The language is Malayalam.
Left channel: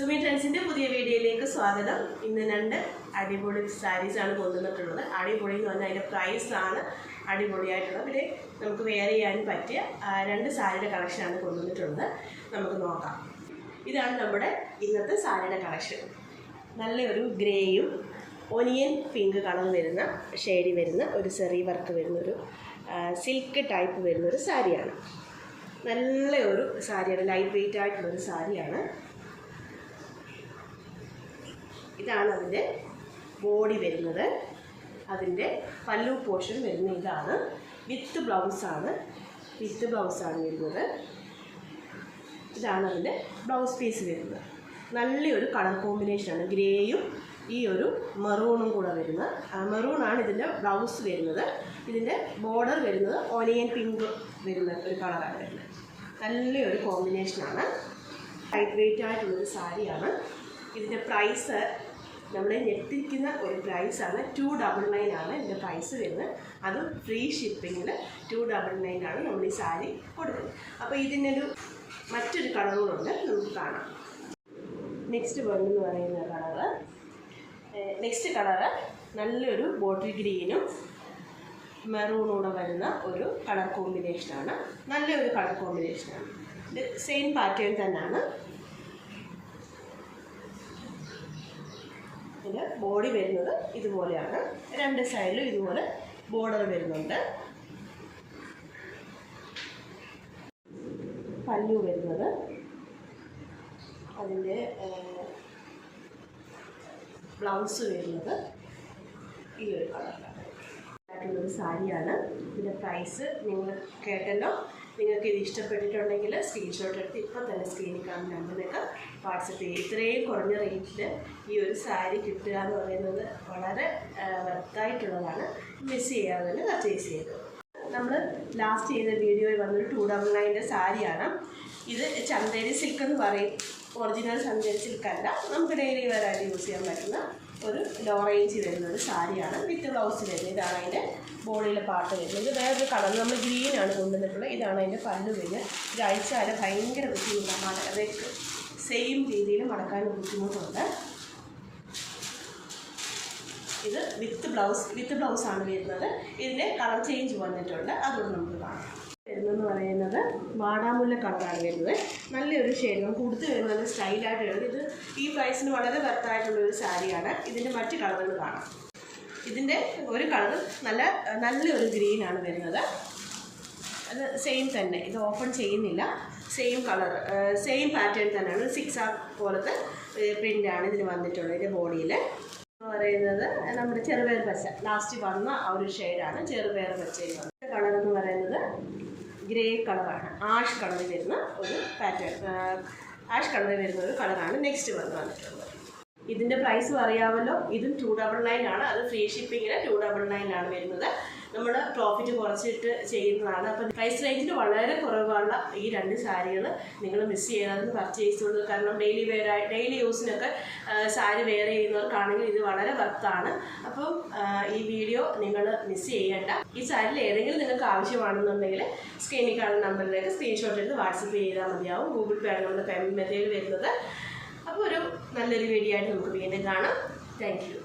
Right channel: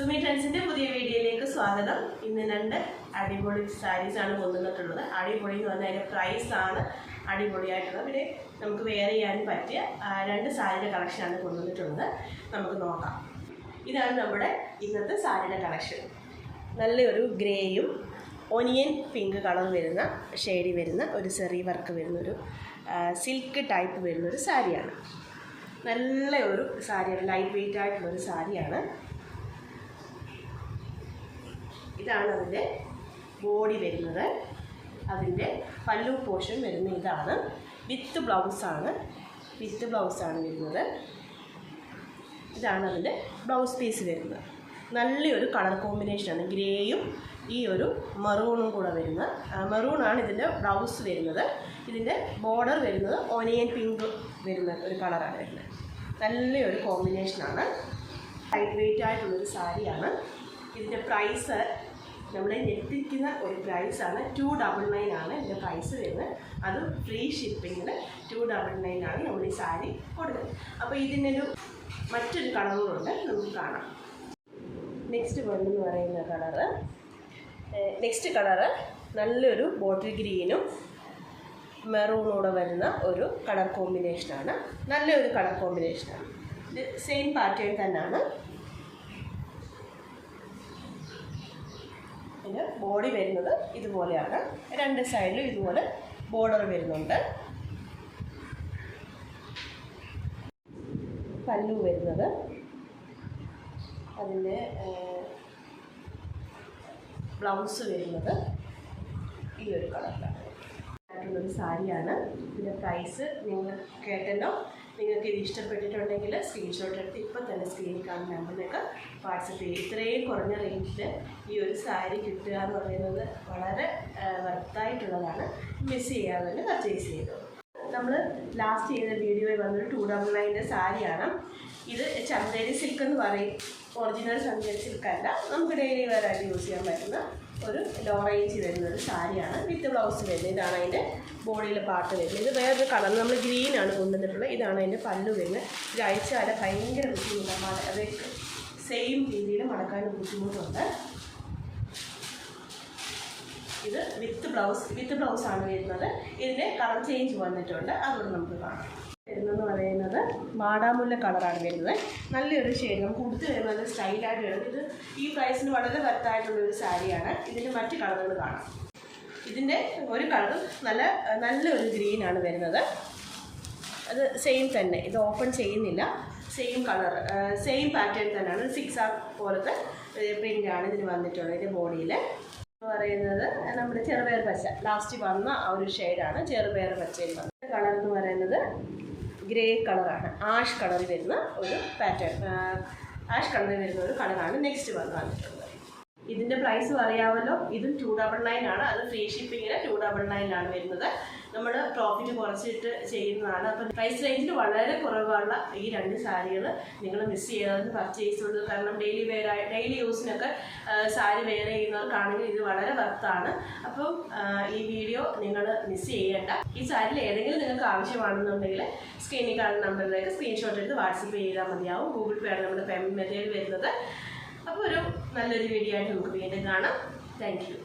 സുമി ട്രെൻഡ്സിൻ്റെ പുതിയ വീഡിയോയിലേക്ക് സ്വാഗതം. ഇന്ന് രണ്ട് അടിപൊളി സാരീസാണ് കൊണ്ടുവന്നിട്ടുള്ളത്. അടിപൊളി എന്ന് പറഞ്ഞാൽ അതിൻ്റെ പ്രൈസാണ് അടിപൊളിയായിട്ടുള്ളത്. പിന്നെ നമുക്ക് വെയർ ചെയ്യാനും പറ്റിയ രണ്ട് സാരിയുടെ കളക്ഷനാണ് കൊണ്ടുവന്നിട്ടുള്ളത്. നമുക്ക് നോക്കാം. ഇതാണ് നമ്മുടെ ഇന്നത്തെ സാരിയുടെ കളക്ഷൻ. നല്ലൊരു ഗ്രേയും ഒനിയൻ പിങ്ക് കളർ വരുന്ന ഷെയ്ഡി വരുന്ന ഒരു സെറി വർക്ക് വരുന്നൊരു സിൽക്ക് ടൈപ്പ് വരുന്നൊരു സാരിയാണ്. നല്ല ഒരു സാരിയാണ്, ലൈറ്റ് വെയ്റ്റ് ആയിട്ടുള്ളൊരു സാരിയാണ്. ഇതാണ് അതിൻ്റെ ബോഡി വരുന്നത്. അതിൻ്റെ പല്ലു പോർഷൻ വരുന്ന ഇതാണ്. വിത്ത് ബ്ലൗസാണ് വരുന്നത്. ഇതാണ് അതിൻ്റെ ബ്ലൗസ് പീസ് വരുന്നത്. നല്ലൊരു കളർ കോമ്പിനേഷനാണ്. ഗ്രേയും ഈ ഒരു മെറൂണും കൂടെ വരുന്നത്. മെറൂണാണ് ഇതിൻ്റെ ബ്ലൗസ് വരുന്നത്. ഇതിൻ്റെ ബോർഡർ വരുന്നത് ഓനിയൻ പിങ്ക് വരുന്ന ഒരു കളറാണ് വരുന്നത്. നല്ലൊരു കോമ്പിനേഷനാണ്. ലൈറ്റ് വെയ്റ്റ് ആയിട്ടുള്ളൊരു സാരിയാണ്. ഇതിൻ്റെ പ്രൈസ് നമ്മളെ ഞെട്ടിക്കുന്ന ഒരു പ്രൈസാണ്. 299 ആണ് ഇതിൻ്റെ പ്രൈസ് വരുന്നത്. അതും ഫ്രീ ഷിപ്പിങ്ങിൽ 299 ആണ് നമ്മൾ ഈ സാരി കൊടുക്കുന്നത്. അപ്പോൾ ഇതിനൊരു മറ്റൊരു കളറുകളുണ്ട്, നമുക്ക് കാണാം. നെക്സ്റ്റ് എന്ന് പറയുന്ന കളറ് നല്ലൊരു ബോട്ടിൽ ഗ്രീനും മെറൂണൂടെ വരുന്ന ഒരു കളർ കോമ്പിനേഷനാണ്. നല്ലൊരു കളർ കോമ്പിനേഷനാണ്. ഇത് സെയിം പാറ്റേൺ തന്നെയാണ്. ഇതിന് ബോഡി വരുന്നത് ഇതുപോലെയാണ്. രണ്ട് സൈഡിലും ഇതുപോലെ ബോർഡർ വരുന്നുണ്ട്. പല്ലു വരുന്നത് അതിൻ്റെ ബ്ലൗസ് വരുന്നത് ഈ ഒരു കളറിലാണ് ആയിട്ടുള്ളൊരു സാരിയാണ്. ഇതിൻ്റെ പ്രൈസ് നിങ്ങൾ കേട്ടല്ലോ. നിങ്ങൾക്ക് ഇത് ഇഷ്ടപ്പെട്ടിട്ടുണ്ടെങ്കിൽ സ്ക്രീൻഷോട്ട് എടുത്ത് ഇപ്പം തന്നെ സ്ക്രീനിൽ കാണുന്ന നമ്പറിലേക്ക് വാട്സപ്പ് ചെയ്യുക. ഇത്രയും കുറഞ്ഞ റേറ്റിൽ ഈ ഒരു സാരി കിട്ടുക എന്ന് പറയുന്നത് വളരെ വർത്തായിട്ടുള്ളതാണ്. മിസ് ചെയ്യാതെ തന്നെ പർച്ചേസ് ചെയ്തു. നമ്മൾ ലാസ്റ്റ് ചെയ്ത വീഡിയോയിൽ വന്നൊരു 299 സാരിയാണ്. ഇത് ചന്തേരി സിൽക്ക് എന്ന് പറയും. ഒറിജിനൽ ചന്തേരി സിൽക്കല്ല, നമുക്ക് ഡെയിലി വരായിട്ട് യൂസ് ചെയ്യാൻ പറ്റുന്ന ഒരു ലോ റേഞ്ച് വരുന്നൊരു സാരിയാണ്. വിത്ത് ബ്ലൗസ് വരുന്നത്. ഇതാണ് അതിൻ്റെ ബോഡിയിലെ പാട്ട് വരുന്നത്. ഇത് വേറൊരു കളർ, നമ്മൾ ഗ്രീനാണ് കൊണ്ടുവന്നിട്ടുള്ളത്. ഇതാണ് അതിൻ്റെ പല്ലു വരുന്നത്. ഇത് അയച്ചാൽ ഭയങ്കര ബുദ്ധിമുട്ടാണ്. അതൊക്കെ സെയിം രീതിയിൽ മടക്കാൻ ബുദ്ധിമുട്ടുണ്ട്. ഇത് വിത്ത് ബ്ലൗസാണ് വരുന്നത്. ഇതിൻ്റെ കളർ ചേഞ്ച് വന്നിട്ടുണ്ട്, അതുകൊണ്ട് നമുക്ക് കാണാം. വരുന്നതെന്ന് പറയുന്നത് വാടാമുല്ല കളറാണ് വരുന്നത്. നല്ലൊരു ഷെയ്ഡ് നമുക്ക് കൊടുത്തു വരുന്നത് നല്ല സ്റ്റൈലായിട്ട് വരുന്നത്. ഇത് ഈ പ്രൈസിന് വളരെ വർത്തായിട്ടുള്ളൊരു സാരിയാണ്. ഇതിൻ്റെ മറ്റ് കളറുകൾ കാണാം. ഇതിൻ്റെ ഒരു കളർ നല്ലൊരു ഗ്രീനാണ് വരുന്നത്. അത് സെയിം തന്നെ, ഇത് ഓപ്പൺ ചെയ്യുന്നില്ല. സെയിം കളർ, സെയിം പാറ്റേൺ തന്നെയാണ്. 6 പോലത്തെ പ്രിൻ്റാണ് ഇതിന് വന്നിട്ടുള്ളത്. ഇതിൻ്റെ ബോഡിയിൽ പറയുന്നത് നമ്മുടെ ചെറുപയർ പച്ച ലാസ്റ്റ് വന്ന ആ ഒരു ഷെയ്ഡാണ്. ചെറുപയർ പച്ചയിൽ വന്ന കളർ എന്ന് പറയുന്നത് ഗ്രേ കളറാണ്. ആഷ് കളറിൽ വരുന്ന ഒരു പാറ്റേൺ, ആഷ് കളറിൽ വരുന്ന ഒരു കളറാണ് നെക്സ്റ്റ് വന്നിട്ടുള്ളത്. ഇതിൻ്റെ പ്രൈസ് അറിയാമല്ലോ. ഇതും 299 ആണ്. അത് ഫ്രീ ഷിപ്പിങ്ങിന് 299 ആണ് വരുന്നത്. നമ്മൾ പ്രോഫിറ്റ് കുറച്ചിട്ട് ചെയ്യുന്നതാണ്. അപ്പം പ്രൈസ് റേഞ്ചിൽ വളരെ കുറവുള്ള ഈ രണ്ട് സാരികൾ നിങ്ങൾ മിസ് ചെയ്യാതെ പർച്ചേസ് ചെയ്തത്. കാരണം ഡെയിലി യൂസിനൊക്കെ സാരി വെയർ ചെയ്യുന്നവർക്കാണെങ്കിൽ ഇത് വളരെ വർത്താണ്. അപ്പം ഈ വീഡിയോ നിങ്ങൾ മിസ് ചെയ്യേണ്ട. ഈ സാരിയിൽ ഏതെങ്കിലും നിങ്ങൾക്ക് ആവശ്യമാണെന്നുണ്ടെങ്കിൽ സ്ക്രീനിൽ കാണുന്ന നമ്പറിലേക്ക് സ്ക്രീൻഷോട്ട് എടുത്ത് വാട്സപ്പ് ചെയ്താൽ മതിയാവും. ഗൂഗിൾ പേ ആണ് നമ്മുടെ പേയ്മെൻറ്റ് മെത്തേഡ് വരുന്നത്. അപ്പോൾ ഒരു നല്ലൊരു വീഡിയോ ആയിട്ട് നമുക്ക് വീണ്ടും കാണാം. Thank you.